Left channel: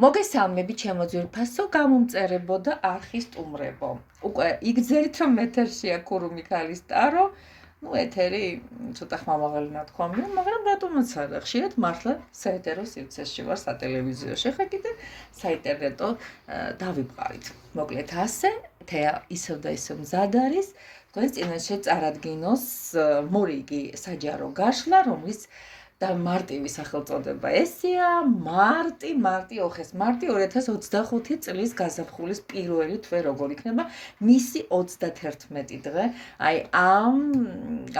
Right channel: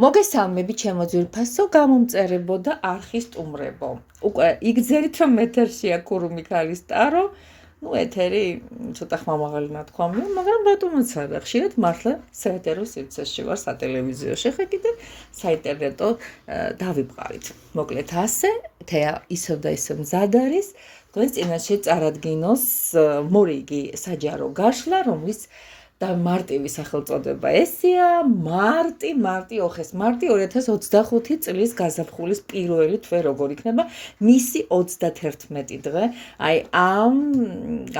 მოგესალმები ჩემო ძვირფასო, გამომწერებო და არხის სტუმრებო. უკვე იგრძელით რომ ეთერშია ქურუ მიქალის ტარო, ეთერი ცოტა ხმამაღალი ნათქვამია, მაგრამ რატომაც არა, ხშირად მართლა საეთერო სივრცეში ვარ სატელევიზიოში, ხა კიდე საინტერნეტო დავიბყარით. მოკლედ ასე, თეა ისევ და ისევ მზად არის, თქვენს წინაშე წარადგინოს მორიგი საჯარო გაშლა, რომლის და მარტივი სახელწოდება ესეა, მარტი ოხეს, მარტი 2025 წლის გაზაფხულის პირველი თვე როგორ იქნება, მისი 31 დღე, აი ამ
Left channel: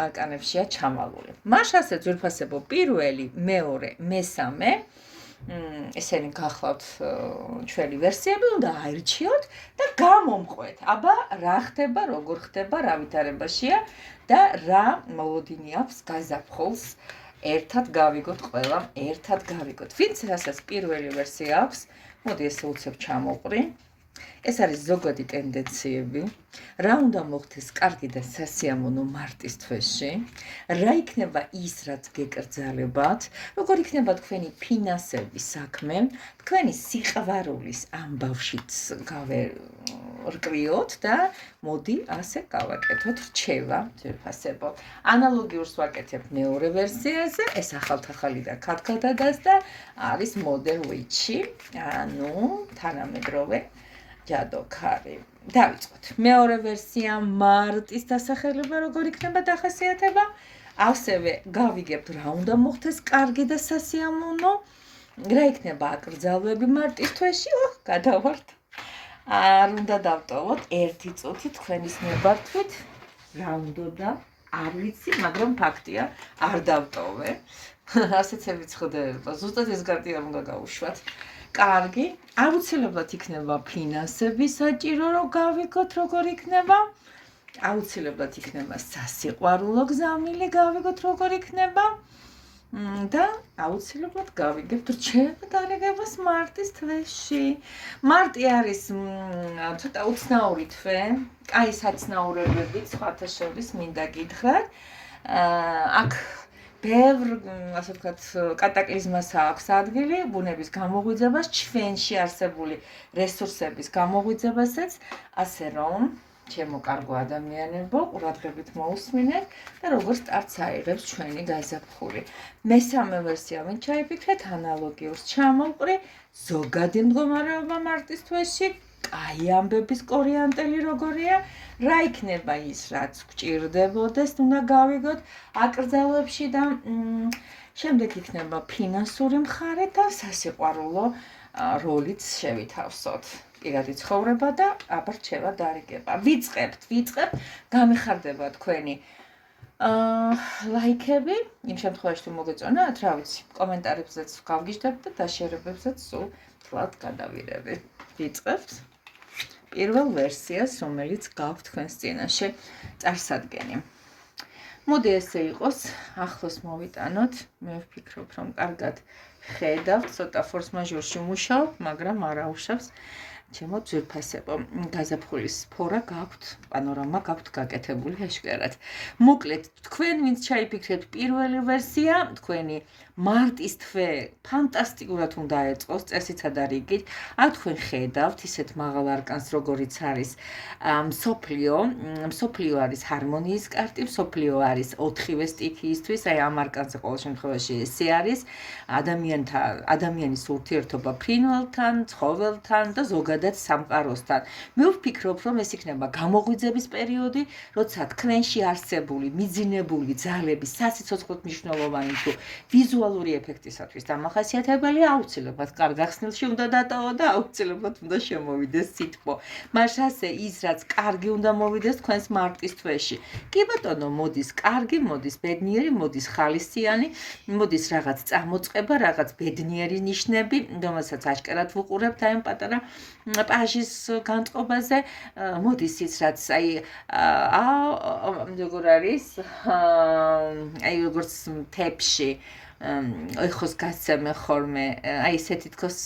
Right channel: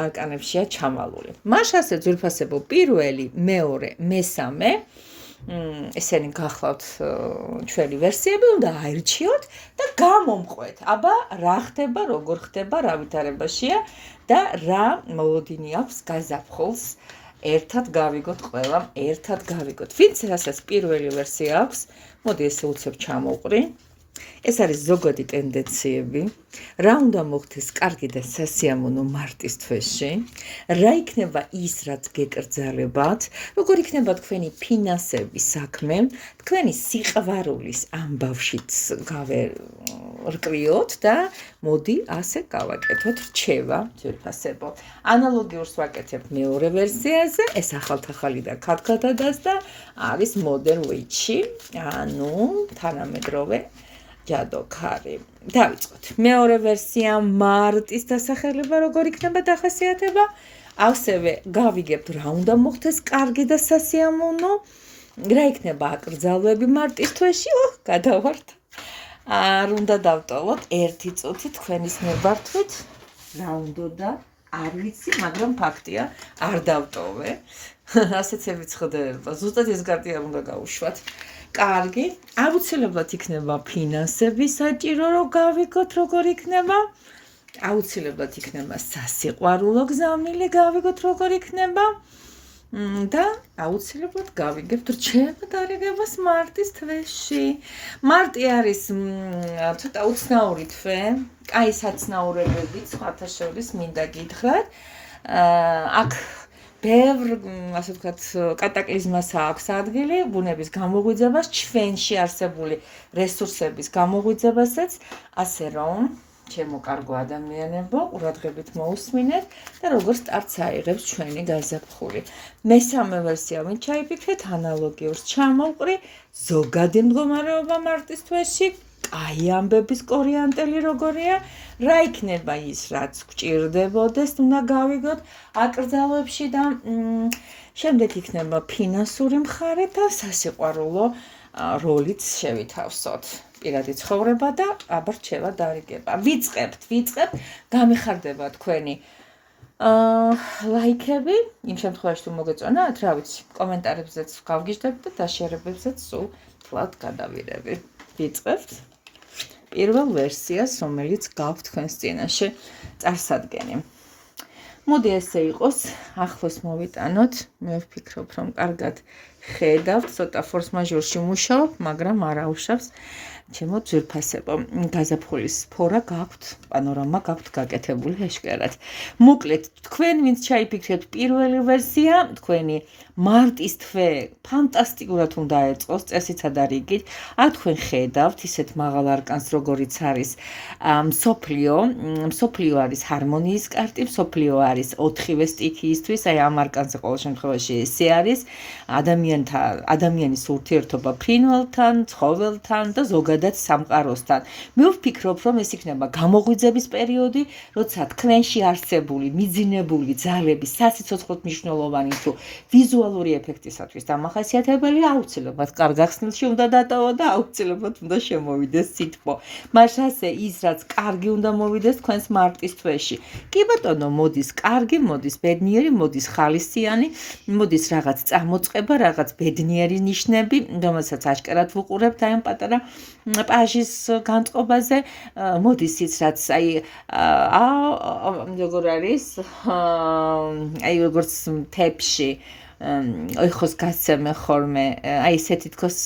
არკანებშია ჩამალული. მას ასე ძვირფასებო პირველი, მეორე, მესამე, ესენი გახლავთ ჩვენი ვერსიები, უნდა აირჩიოთ და გამომყვეთ. აბა, რა ხდება, როგორ ხდება, რა ვითარებაშია და რა მოლოდინი აქვს გაზაფხულს. ერთად გავიგოთ ყველამ, ერთად გავიგოთ. ვინც რასაც პირველი ვერსია აქვს, მოდი ესე უცებ ჩამოვყრი. ეს არის ზოგადი ტენდენციები, რა უნდა მოხდეს კარგი და სასიამოვნო მარტის თვეში, რა იქნება ის, რაც გეკრძალებათ, როგორ იქნება თქვენი ფინანსების საქმე, თქვენი სიყვარულის ამბავშიც გავერკვიოთ და მოდი ასე გავაკეთოთ რჩევა ძვირფასებო. ანალოგიურს ვაკეთებ მეორე ვერსიაზე, ეს ახალ-ახალი და ქათქადადას და არის modern witch-ი, ანუ თანამედროვე ჯადოქარი. დავიწყოთ. მეორე ვერსია მარტის დასახელება როგორ იქნება დახასიათება, ასევე გავიგებთ რა უნდა მოხდეს კარგი და სასიამოვნო, რა იქნება აკრძალვები მარტის თვეში, გადავართ. არ უნდა დავტოვოთ 1 წუთი თქვენის ნებართვით, რა უნდა არ ვიცი, მაგრამ ფაქტია, არ დავტოვე. ასეც ევიწყდება, ზუსტად ეს კარტი არ უნდა გავუშვათ. კარგი, აუცილებლად იქნება ფინანსები საჭირო, რომ გავიგოთ როგორ იქნება. აუცილებლად იქნება სასიყვარულო გზამილი, გავიგოთ როგორ იქნება. და აუცილებლად გავიგებთ რჩევა დალეგებას მარტის თვეში. მარტი არის ცოტა უცნაური თვე, კაი საცნაურებებით, სხვათა შორის მინდა გითხრათ. აქ ბევრ, ასე ვთქვათ, კატაკლიზმას აქვს ადგილი, ბუნების გამოღვიძებას, ჩვენში არსებული რესურსების გამოღვიძებასაც, ასე რომ ჩემო კარგო ადამიანებო, ყურადღებით მოусმინეთ და როგორ სტარტს აიღებს ჩვენი გაზაფხული. მესამე ვერსია ვინ ჩაიფიქრეთ, ანალოგიურს ჩამოვყრი, ზოგადი მდგომარეობა მარტის თვეში, კაი ამბების კორიანტელი როგორია, რა იქნება ის, რაც გჭირდებოდეს, უნდა გავიგოთ აკრძალვებში და შემდეგ იქნება ფინანსური მხარე და სასიყვარულო როლიც შევითავსოთ. პირადი ცხოვრება და აბა რჩევა დარიგება. ვიწყებთ, გამიხარდება თქვენი ლაიქები, იმ შემთხვევაში თუ მოგეწონათ, რა ვიცი, კომენტარებზეც გავგიჟდებთ და დაშერებებზეც სულ თლად გადავირები. ვიწყებთ პირველ ვერსიას, რომელიც გაქვთ თქვენს წინაშე წარსადგენი. მოდი ესე იყოს, ახლოს მოვიტანოთ, მე ვფიქრობ, რომ კარგად ხედავთ, ცოტა ფორს-მაჟორში მუშაობ, მაგრამ არ აუშავს ჩემო ძვირფასებო. გაზაფხულის ფორა გაქვთ, პანორამა გაქვთ გაკეთებული ეშკერად. მოკლედ, თქვენ ვინც ჩაიფიქრეთ პირველი ვერსია, თქვენი მარტის თვე ფანტასტიკურად უნდა ეწყოს, წესითა და რიგით. აქ თქვენ ხედავთ ისეთ მაღალ არკანს, როგორიც არის მსოფლიო არის ჰარმონიის კარტი, მსოფლიო არის 4-ვე სტიქიისთვის, აი ამ არკანზე ყოველ შემთხვევაში ესე არის, ადამიანის ურთიერთობა ფრინველთან, ცხოველთან და ზოგადად სამყაროსთან. მე ვფიქრობ, რომ ეს იქნება გამოღვიძების პერიოდი, როცა თქვენში არსებული მიძინებული ძალები სასიცოცხლოდ მნიშვნელოვანი თუ ვიზუალური ეფექტისათვის დამახასიათებელია, აუცილებლად კარგ ახსნილში უნდა დატოვო და აუცილებლად უნდა შემოვიდეს სითბო. მას ასე ის, რაც კარგი უნდა მოვიდეს თქვენს მარტის თვეში. კი ბატონო, მოდის კარგი, მოდის ბედნიერი, მოდის ხალისიანი, მოდის რაღაც წამოწყება, რაღაც ბედნიერი ნიშნები, რომელსაც აჭკერად ვუყურებთ აი ამ პატარა პაჟის განწყობაზე, მოდის ის, რაც აი როგორ არის, აი როგორც მთებში ეხოს გასცემე ხოლმე, აი ესე თითქოს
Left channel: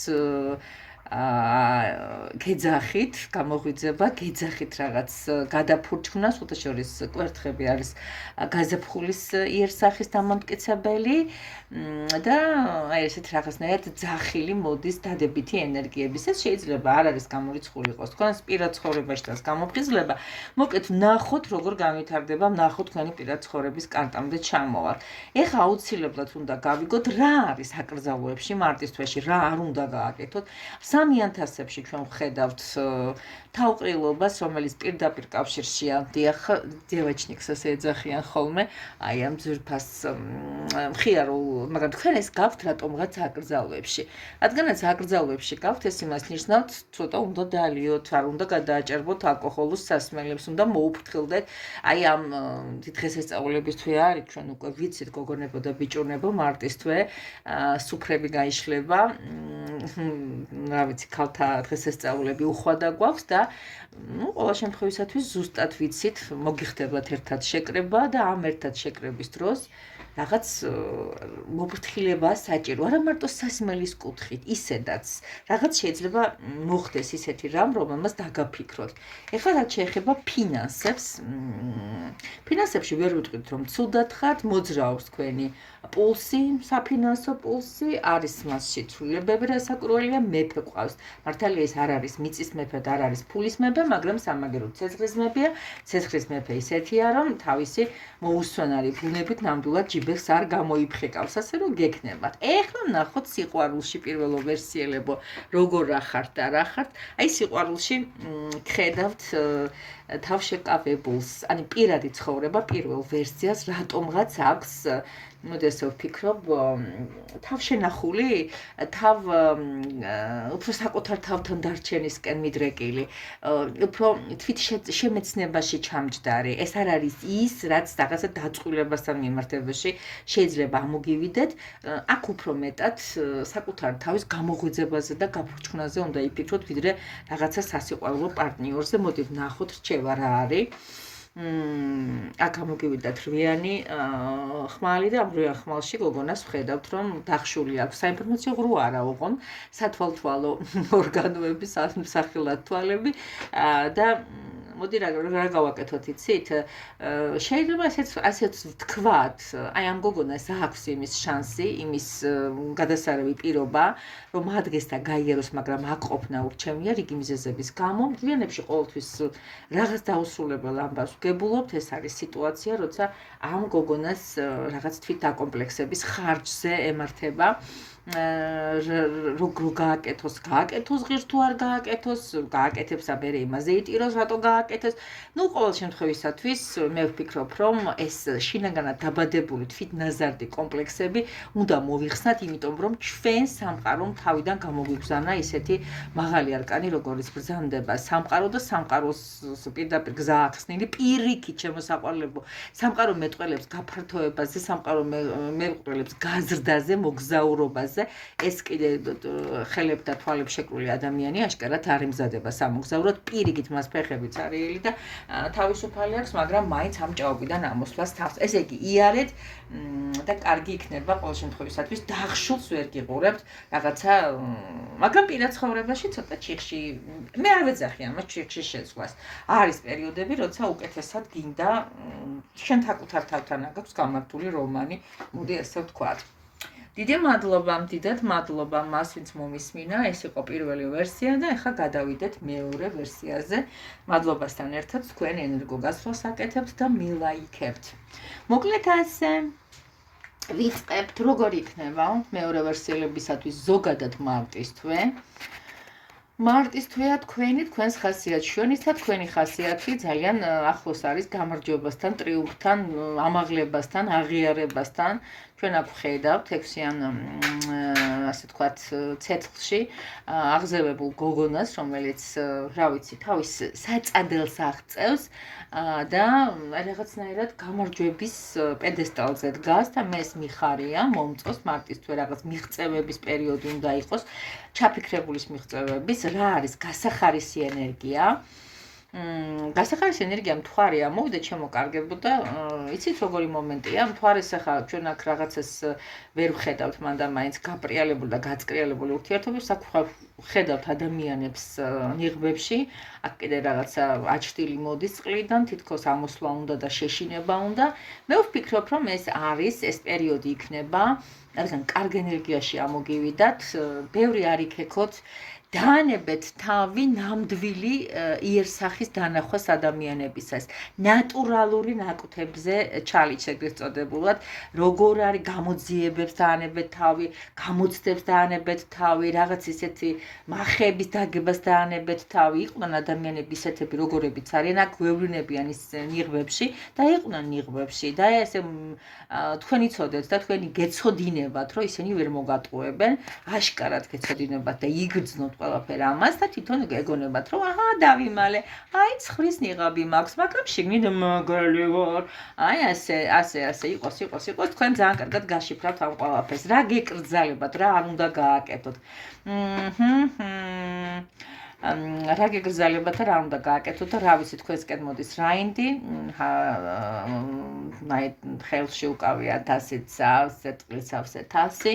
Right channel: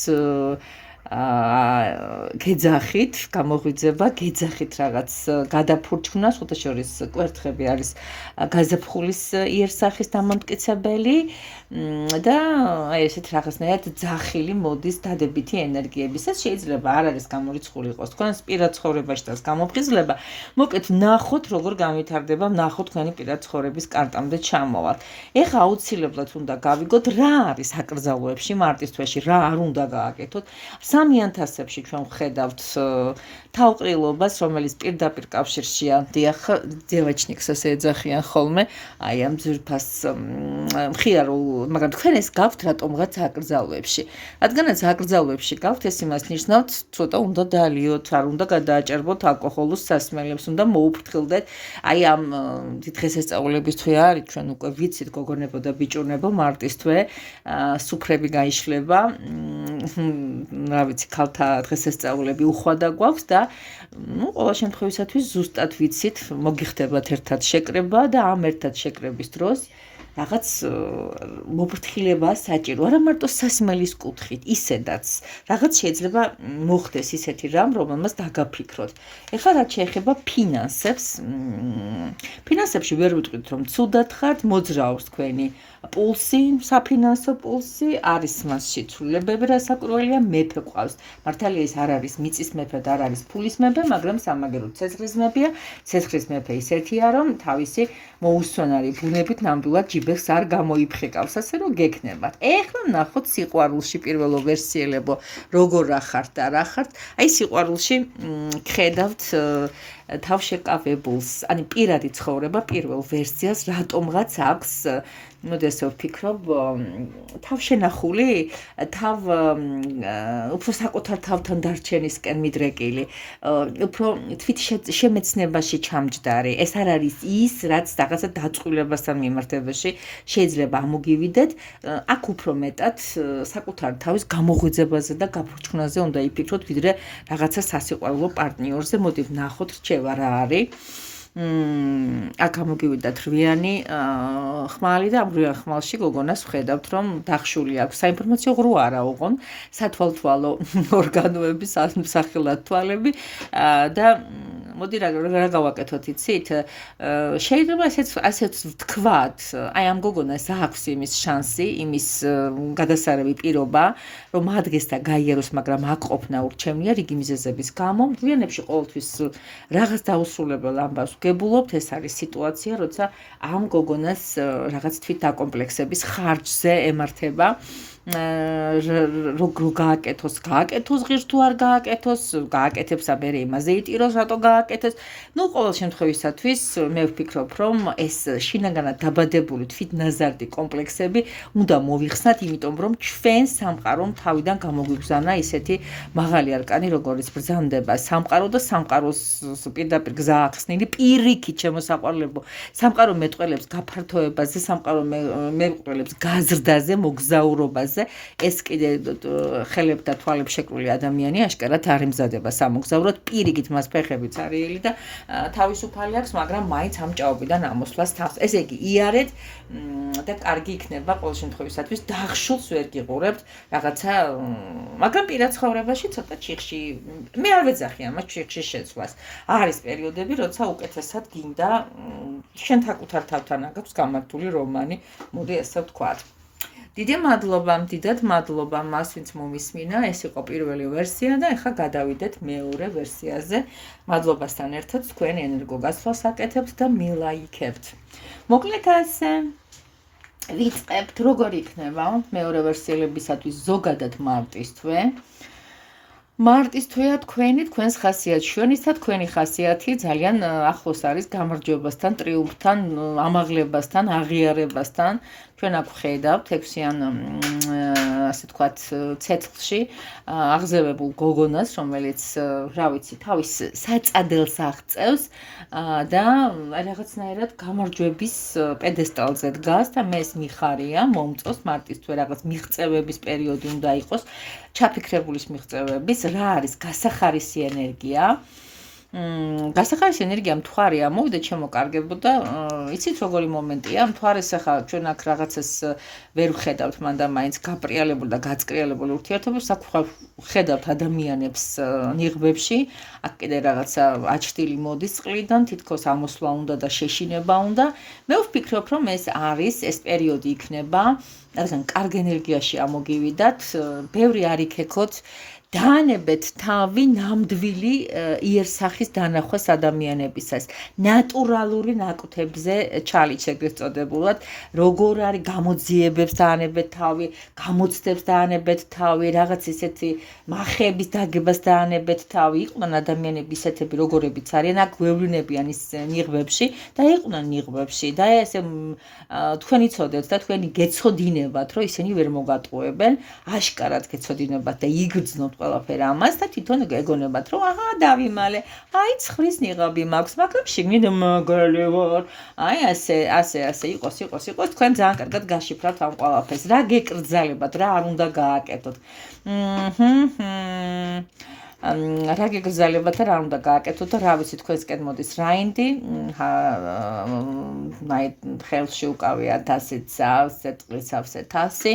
გეძახით, გამოღვიძება, გეძახით რაღაც გადაფურჩქნას, უთა შორის კვერთხები არის გაზაფხულის იერსახის დამამტკიცებელი და აი ესეთ რაღაცნაირად ძახილი მოდის დადებითი ენერგიების. ეს შეიძლება არ არის გამორიცხული იყოს თქვენს პირად ცხოვრებაში და გამოფხიზლება. მოკლედ ნახოთ როგორ განვითარდება, ნახოთ თქვენი პირად ცხოვრების კარტამდე ჩამოვალ. ეხლა აუცილებლად უნდა გავიგოთ რა არის აკრძალვებში მარტის თვეში, რა არ უნდა გააკეთოთ. სამიან თასებში ჩვენ ვხედავთ თავყრილობას, რომელიც პირდაპირ კავშირშია, დიახ, დევაჩნიკს ასე ეძახიან ხოლმე, აი ამ ძვირფას მხიარულ, მაგრამ თქვენ ეს გაქვთ რატომღაც აკრძალვებში. რადგანაც აკრძალვებში გაქვთ, ეს იმას ნიშნავს, ცოტა უნდა დაალიოთ, არ უნდა გადააჭერბოთ ალკოჰოლურ სასმელებს, უნდა მოუფრთხილდეთ. აი ამ დღესასწაულების თვე არის, ჩვენ უკვე ვიცით გოგონებო და ბიჭუნებო, მარტის თვე, სუფრები გაიშლება, რა ვიცი, ქალთა დღესასწაულები უხვადა გვაქვს და ყველა შემთხვევისათვის ზუსტად ვიცით, მოგიხდებათ ერთად შეკრება და ამ ერთად შეკრების დროს რაღაც მოფრთხილება საჭირო, არა მარტო სასმელის კუთხით, ისედაც რაღაც შეიძლება მოხდეს ისეთი რამ, რომელმაც დაგაფიქროთ. ეხლა რაც შეეხება ფინანსებს, ფინანსებში ვერ ვიტყვით, რომ ცუდად ხართ, მოძრაობს თქვენი პულსი, საფინანსო პულსი, არის მასში ცვლილებები, რასაკვირველია, მეფე ყავს. მართალია ეს არ არის მიწის მეფე და არ არის ფულის მეფე, მაგრამ სამაგერო ცეცხლის მეფეა. ცეცხლის მეფე ისეთია, რომ თავისი მოუსვენარი ბუნებით ნამდვილად ჯიბეხს არ გამოიფხეკავს, ასე რომ გექნებათ. ეხლა ნახოთ სიყვარულში პირველო ვერსიელებო, როგორ რა ხართ და რა ხართ. აი სიყვარულში გხედავთ თავშეკავებულს, ანუ პირადი ცხოვრება პირველ ვერსიას რატომღაც აქვს მოდი ასე ვფიქრობ, თავშენახული, უფრო საკუთარ თავთან დარჩენისკენ მიდრეკილი, უფრო თვით შემეცნებაში ჩამჯდარი. ეს არ არის ის, რაც რაღაცა დაწყვილებასთან მიმართებაში შეიძლება ამოგივიდეთ. აქ უფრო მეტად საკუთარ თავის გამოღვიძებაზე და გაფურჩქნაზე უნდა იფიქროთ, ვიდრე რაღაცა სასიყვარულო პარტნიორზე. მოდი ვნახოთ, რჩევა რა არის. აქ ამოგივიდათ რვიანი ხმალი და ამ რვიან ხმალში გოგონას ვხედავთ, რომ დახშული აქვს საინფორმაციო ღრუ არა უღონ, სათვალთვალო ორგანოები, სახელად თვალები და მოდი რა გავაკეთოთ იცით? შეიძლება ასეც ვთქვათ, აი ამ გოგონას აქვს იმის შანსი, იმის გადასარევი პირობა, რომ ადგეს და გაიაროს, მაგრამ აკყოფნა ურჩევნია რიგი მიზეზების გამო. მდლიანებში ყოველთვის რაღაც დაუსრულებელ ამბავს გებულობთ, ეს არის სიტუაცია, როცა ამ გოგონას რაღაც თვით დაკომპლექსების ხარჯზე ემართება. როგორ გააკეთოს ღირს თუ არ გააკეთოს, გააკეთებს და მერე იმაზე იტიროს, რატო გააკეთეს. ყოველ შემთხვევისათვის მე ვფიქრობ, რომ ეს შინაგანად დაბადებული თვითნაზარდი კომპლექსები უნდა მოვიხსნათ, იმიტომ რომ ჩვენ სამყარომ თავიდან გამოგვიგზავნა ისეთი მაღალი არკანი, როგორც ბრძანდება სამყარო და სამყაროს პირდაპირ გზა ახსნილი პირიქით შემოსაყვარლებო. სამყარო მეტყველებს გაფართოებაზე, სამყარო მეტყველებს გაზრდაზე, მოგზაურობაზე. ეს კიდე ხელებ და თვალებ შეკრული ადამიანი აშკარად არ იმზადება სამოგზაუროდ, პირიქით მას ფეხებიც არიელი და თავისუფალი აქვს, მაგრამ მაინც ამ ჭაობიდან ამოსვლას თავს. ესე იგი, იარეთ და კარგი იქნება ყოველ შემთხვევისათვის, დახშულს ვერ გიყურებთ რაღაცა, მაგრამ პირად ცხოვრებაში ცოტა ჩიხში, მე არ ვეძახი ამას ჩიხში შეცვლას. არის პერიოდები, როცა უკეთესად გინდა შენ საკუთარ თავთან აქვს გამართული რომანი, მოდი ასე ვთქვათ. დიდად მადლობა მას, ვინც მომისმინა, ეს იყო პირველი ვერსია და ახლა გადავიდეთ მეორე ვერსიაზე. მადლობასთან ერთად თქვენ ენერგოგასვლას აკეთებთ და მილაიქებთ. მოკლედ ასე ვიწყებთ, როგორ იქნება მეორე ვერსიელებისათვის ზოგადად მარტის თვე. მარტის თვეა თქვენს ხასიათს, ჩვენისა თქვენი ხასიათი ძალიან ახლოს არის გამარჯვებასთან, ტრიუმფთან, ამაღლებასთან, აღიარებასთან. ჩვენ აქ ვხედავთ 6-იან ასე ვთქვათ ცეცხლში აღზევებულ გოგონას, რომელიც რა ვიცი, თავის საწადელს აღწევს და რაღაცნაირად გამარჯვების პედესტალზე დგას და მე ეს მიხარია, მომწონს მარტის თვე რაღაც მიღწევების პერიოდი უნდა იყოს, ჩაფიქრებულის მიღწევების, რა არის გასახარისი ენერგია. გასახარის ენერგია მთვარე ამოვიდა ჩემო კარგებო და იცით როგორი მომენტია მთვარეს ახლა ჩვენ აქ რაღაცას ვერ ვხედავთ მანდა მაინც გაპრიალებული და გაწყრიალებული ურთიერთობებს აქ ვხედავთ ადამიანებს ნიღბებში აქ კიდე რაღაცა აჩრდილი მოდის წყლიდან თითქოს ამოსვლა უნდა და შეშინება უნდა მე ვფიქრობ რომ ეს არის ეს პერიოდი იქნება რადგან კარგ ენერგიაში ამოგივიდათ ბევრი არ იქექოთ დაანებეთ თავი ნამდვილი იერსახის დანახვას ადამიანებისას ნატურალური ნაკვთებზე ჩალით ეგრეთ წოდებულად როგორ არის გამოძიებებს დაანებეთ თავი გამოცდებს დაანებეთ თავი რაღაც ისეთი მახების დაგებას დაანებეთ თავი იყვნენ ადამიანები ისეთები როგორებიც არიან აქ გვევლინებიან ის ნიღბებში და იყვნენ ნიღბებში და ესე თქვენ იცოდეთ და თქვენი გეცოდინებათ რომ ისინი ვერ მოგატყუებენ აშკარად გეცოდინებათ და იგრძნობთ ყველაფერი ამას და თვითონ ეგონებათ რომ აჰა დავიმალე აი ცხვრის ნიღაბი მაქვს მაგრამ შიგნით მგელი ვარ აი ასე იყოს თქვენ ძალიან კარგად გაშიფრავთ ამ ყველაფერს რა გეკრძალებათ რა არ უნდა გააკეთოთ რა გეკრძალებათ და რა უნდა გააკეთოთ და რა ვიცი თქვენსკენ მოდის რაინდი ხელში უკავია თასით სავსე წყლის სავსე თასი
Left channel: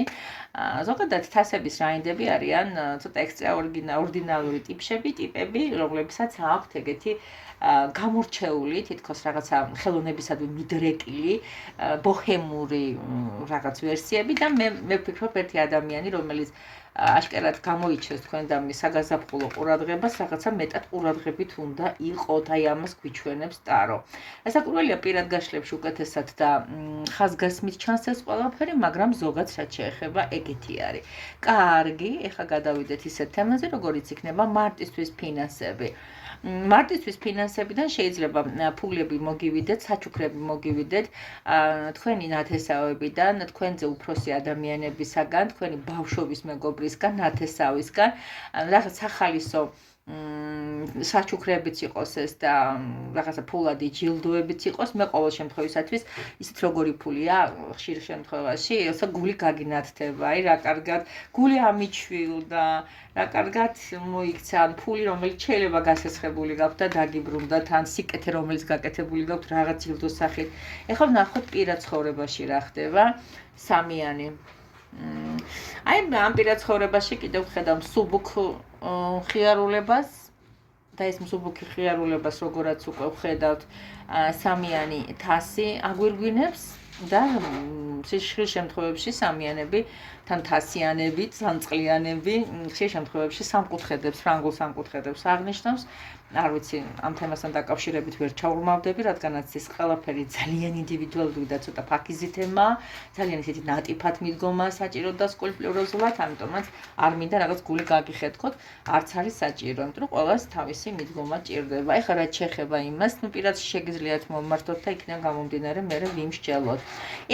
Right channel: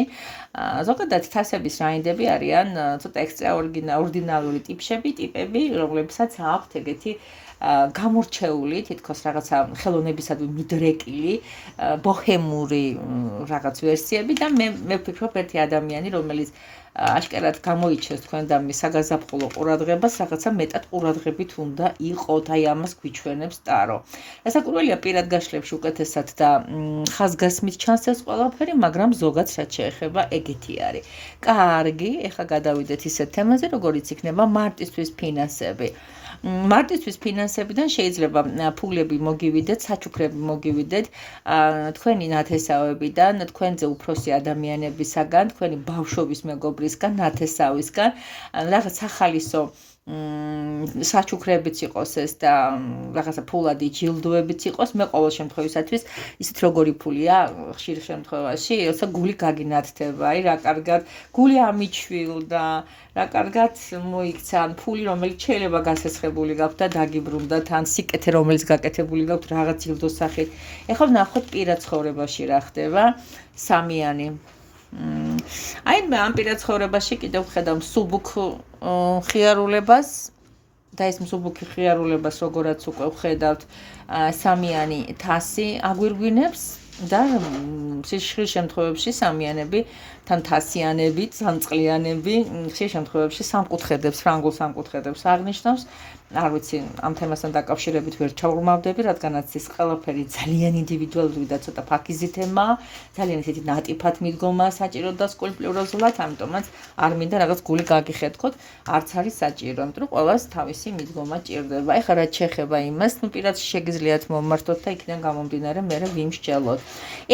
ზოგადად თასების რაინდები არიან ცოტა ექსტრაორდინალური ტიპები რომლებსაც აქვთ ეგეთი გამორჩეული თითქოს რაღაცა ხელოვნებისადმი მიდრეკილი ბოჰემური რაღაც ვერსიები და მე ვფიქრობ ერთი ადამიანი რომელიც აშკარად გამოიჩეს თქვენ და საგაზაფხულო ყურადღებას რაღაცა მეტად ყურადღებით უნდა იყოთ აი ამას გვიჩვენებს ტარო ესაკურველია პირად გაშლებში უკეთესად და ხაზგასმით ჩანს ეს ყველაფერი მაგრამ ზოგადად რაც შეეხება ეგეთი არის კარგი ეხლა გადავიდეთ ისეთ თემაზე როგორიც იქნება მარტისთვის ფინანსები მარტისთვის ფინანსებიდან შეიძლება ფულები მოგივიდეთ, საჩუქრები მოგივიდეთ, თქვენი ნათესავებიდან, თქვენზე უფროსი ადამიანებისაგან, თქვენი ბავშვობის მეგობრისგან, ნათესავისგან, რაღაც სახალისო საჩუქრებიც იყოს ეს და რაღაცა ფულადი ჯილდოებიც იყოს, მე ყოველ შემთხვევისათვის ისეთ როგორი ფულია ხშირ შემთხვევაში, როცა გული გაგინათდება, აი რა კარგად გული ამიჩვილდა, რა კარგად მოიქცა ფული რომელიც შეიძლება გასესხებული გაქვთ და დაგიბრუნდათ ან სიკეთე რომელიც გაკეთებული გაქვთ რაღაც ჯილდოს სახით. ეხლა ვნახოთ პირად ცხოვრებაში რა ხდება სამიანი აი ამ პირად ცხოვრებაში კიდევ ვხედავ მსუბუქ ხიარულებას და ეს მსუბუქი ხიარულებას როგორაც უკვე ვხედავთ სამიანი თასი აგვირგვინებს და ხშირ შემთხვევებში სამიანები თან თასიანები, ძანწყლიანები ხშირ შემთხვევებში სამკუთხედებს, ფრანგულ სამკუთხედებს აღნიშნავს. არ ვიცი, ამ თემასთან დაკავშირებით ვერ ჩაურმავდები, რადგანაც ეს ყველაფერი ძალიან ინდივიდუალური და ცოტა ფაქიზი თემაა, ძალიან ისეთი ნატიფად მიდგომა საჭირო და სკულპტუროზულად, ამიტომაც არ მინდა რაღაც გული გაგიხეთქოთ, არც არის საჭირო, იმიტომ რომ ყველას თავისი მიდგომა ჭირდება. ეხლა რაც შეეხება იმას, ნუ პირად შეგიძლიათ მომმართოთ და იქიდან გამომდინარე მე ვიმსჯელოთ.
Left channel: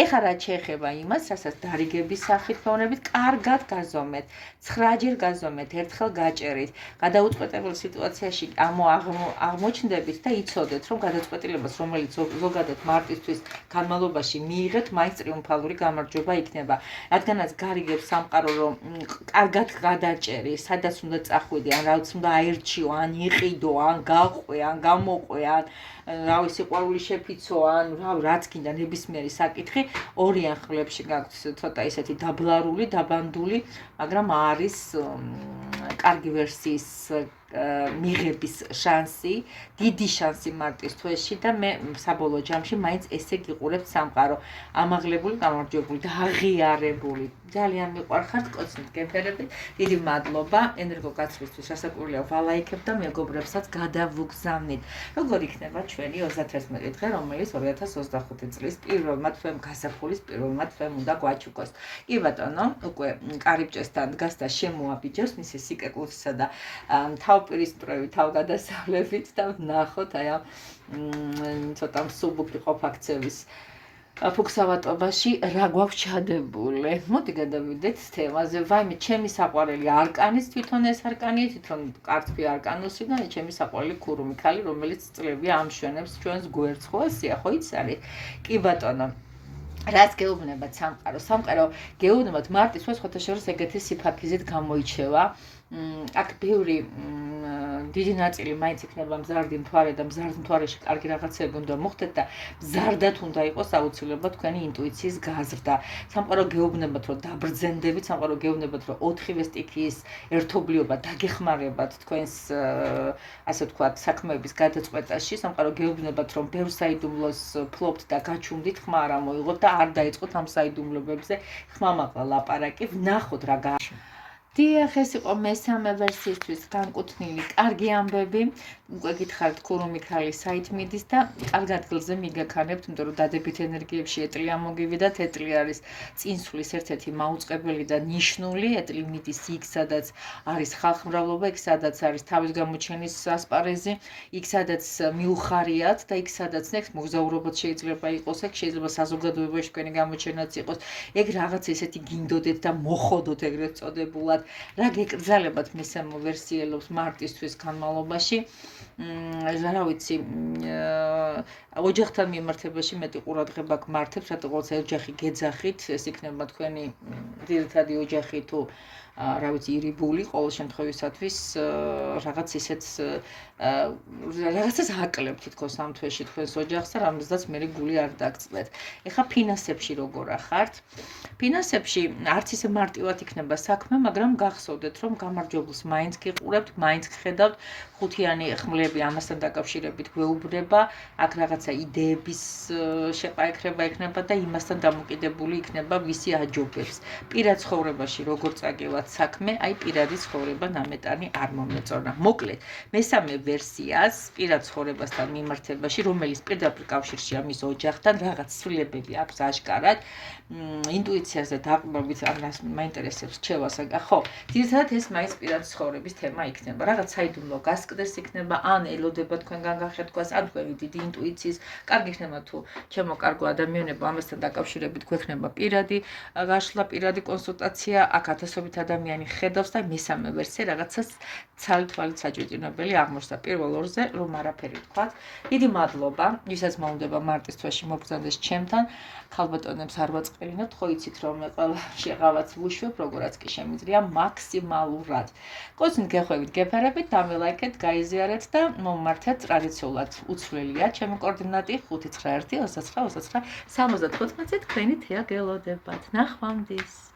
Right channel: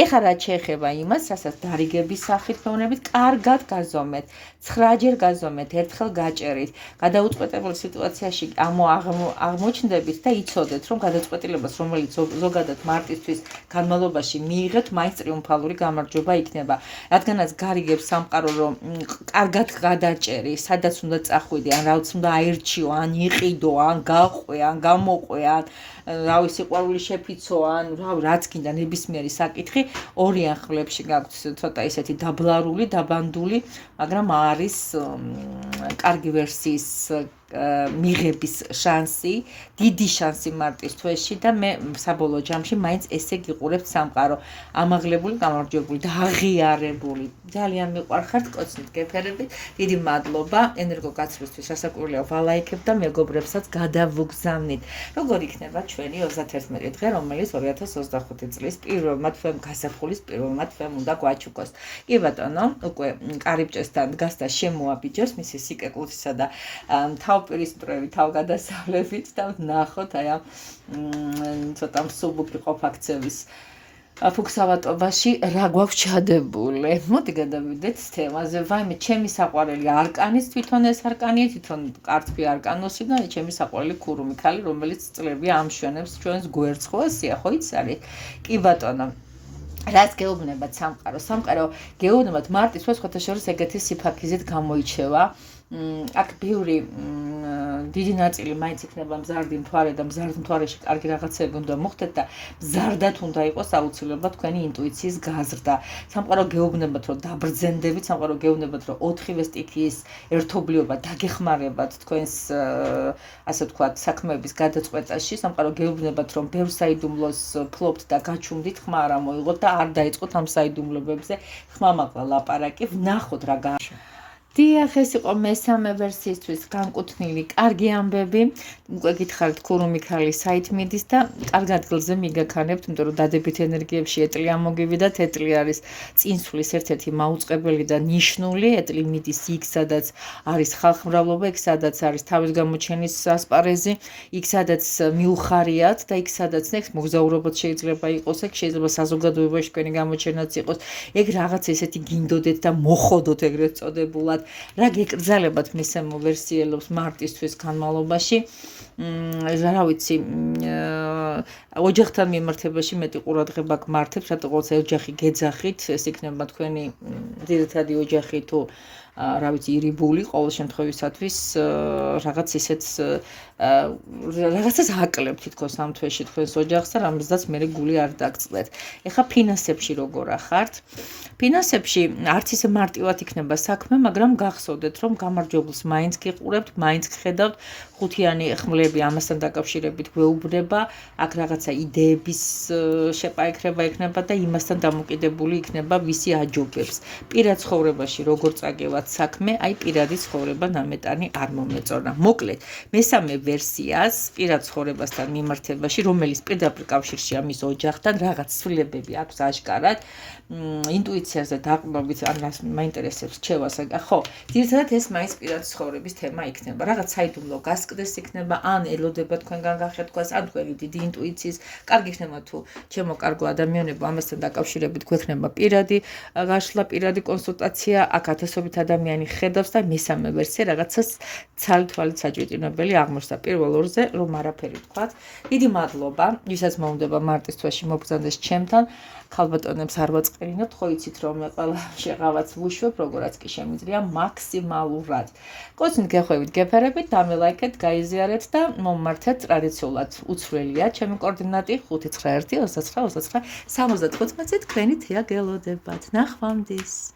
ეხლა რაც შეეხება იმას, რასაც დარიგების სახით ფევნებით, კარგად გაზომეთ, 9-ჯერ გაზომეთ, ერთხელ გაჭერით, გადაუწყვეტებულ სიტუაციაში აღმოჩნდებით და იცოდეთ, რომ გადაწყვეტილებას, რომელიც ზოგადად მარტისთვის განმავლობაში მიიღეთ, მაინც ტრიუმფალური გამარჯვება იქნება. რადგანაც გარიგებს სამყარო, რომ კარგად გადაჭერი, სადაც უნდა წახვიდე, ან რაც უნდა აირჩიო, ან იყიდო, ან გაყვე, ან გამოყვე, ან რავი სიყვარული შეფიცო, ან რაც გინდა ნებისმიერი საკითხი, ორი ახლებში გაქვთ ცოტა ისეთი დაბლარული, დაბანდული, მაგრამ არის კარგი ვერსიის მიღების შანსი, დიდი შანსი მარტის თვეში და მე საბოლოო ჯამში მაინც ესე გიყურებთ სამყარო, ამაღლებული, გამარჯვებული და აღიარებული. ძალიან მიყვარხართ, კოცნით გეფერებით. დიდი მადლობა ენერგოგაცვლისთვის, რასაკვირველია ვალაიქებ და მეგობრებსაც გადავუგზავნით. როგორ იქნება ჩვენი 31 დღე, რომელიც 2025 წლის პირველმა თვემ გასაფხულის პირველმა თვემ უნდა გვაჩუქოს. კი ბატონო, უკვე კარიბჭესთან დგას და შემოაბიჯებს მისი სიკეკლუსისა და თავპირის მტრევი თავგადასავლებით და ვნახოთ აი ამ ცოტა მსუბუქი ყოფაქცევის ფუქსავატობაში რა გვაქვს ჩადებული. მოდი გადავიდეთ თემაზე. ვაიმე, ჩემი საყვარელი არკანის თვითონ ეს არკანია, თვითონ კარტფი არკანოსი და ჩემი საყვარელი ქურუმი ქალი, რომელიც წლები ამშვენებს ჩვენს გვერდს. ხო ესია, ხო იცი? კი ბატონო. რაც გეუბნებათ სამყარო. სამყარო გეუბნებათ მარტის თვეს ხოთაშორის ეგეთი სიფაქიზით გამოიჩევა. აქ ბევრი დიდი ნაწილი მაინც იქნება მზარდი მთვარე და მზარდ მთვარეში კარგი რაღაცები უნდა მოხდეთ და მზარდად უნდა იყოს აუცილებლად თქვენი ინტუიციის გაზრდა. სამყარო გეუბნებათ, რომ დაბრძენდებით, სამყარო გეუბნებათ, რომ 4-ვე სტიქიის ერთობლიობა დაგეხმარებათ თქვენს ასე ვთქვათ, საქმეების გადაწყვეტაში. სამყარო გეუბნებათ, რომ ბევრ საიდუმლოს ფლობთ და გაჩუმდით, ხმა არ ამოიღოთ და არ დაიწყოთ ამ საიდუმლოებზე ხმამაღლა ლაპარაკი. ვნახოთ რა დიახ, ეს იყო მესამე ვერსიისთვის განკუთვნილი კარგი ამბები. უკვე გითხარით ქურუმ მიქალის საით მიდის და კარგ ადგილზე მიგაქანებთ, იმიტომ რომ დადებით ენერგიებში ეტლი ამოგივიდათ. ეტლი არის წინსვლის ერთ-ერთი მაუწყებელი და ნიშნული. ეტლი მიდის იქ, სადაც არის ხალხმრავლობა, იქ სადაც არის თავის გამოჩენის ასპარეზი, იქ სადაც მიუხარიათ და იქ სადაც მოგზაურობაც შეიძლება იყოს, ეგ შეიძლება საზოგადოებაში თქვენი გამოჩენაც იყოს. ეგ რაღაც ესეთი გინდოდეთ და მოხოდოთ ეგრეთ წოდებულად. რა გეკრძალებათ მესამე ვერსიელობს მარტისთვის განმავლობაში. რა ვიცი, ოჯახთან მიმართებაში მეტი ყურადღება გმართებთ, რატო ყოველთვის ოჯახი გეძახით, ეს იქნება თქვენი ძირითადი ოჯახი თუ რა ვიცი, ირიბული ყოველ შემთხვევისათვის რაღაც ისეთ რაღაცას აკლებთ თითქოს ამ თვეში თქვენს ოჯახს და რამიზდაც მერე გული არ დაგწყვეტ. ეხლა ფინანსებში როგორ ახართ? ფინანსებში არც ისე მარტივად იქნება საქმე, მაგრამ გახსოვდეთ, რომ გამარჯვებულს მაინც გიყურებთ, მაინც გხედავთ, ხუთიანი ხმლები ამასთან დაკავშირებით გვეუბნება, აქ რაღაცა იდეების შეყაიქრება იქნება და იმასთან დამოკიდებული იქნება ვისი აჯობებს. პირად ცხოვრებაში როგორ წაგევათ საქმე, აი პირადი ცხოვრება ნამეტანი არ მომეწონა. მოკლედ, მესამე ვერსიას პირად ცხოვრებასთან მიმართებაში, რომელიც პირდაპირ კავშირშია მის ოჯახთან, რაღაც ცვლილებები აქვს აშკარად, ინტუიციაზე დაყრდნობით, ამას მაინტერესებს რჩევას, ხო, ძირითადად ეს მაინც პირად ცხოვრების თემა იქნება. რაღაც საიდუმლო გასკდერს იქნება, ან ელოდება თქვენგან გახეთქვას, ან თქვენი დიდი ინტუიციის, კარგი იქნება თუ ჩემო კარგო ადამიანებო, ამასთან დაკავშირებით გვექნება პირადი გაშლა, პირადი კონსულტაცია, აქ ათასობით ადამიანი ხედავს და მესამე ვერსია რაღაცას ცალ-თვალით საჭიროებელი აღმოჩნდა. პირველ ორზე რომ არაფერი ვთქვათ. დიდი მადლობა, ვისაც მოუნდება მარტის თვეში მობრძანდეს ჩემთან. ქალბატონებს არ ვაწყერინებთ, ხო იცით რომ ყველა შეღავაც ვუშვებ, როგორაც კი შემიძლია მაქსიმალურად. კოცნით გეხვევით, გეფერებით, დამილაიქეთ, გაიზიარეთ და მომმართეთ ტრადიციულად უცვლელია ჩემი კოორდინატი 591 29 29 75-ზე თქვენი თეა გელოდებათ. ნახვამდის.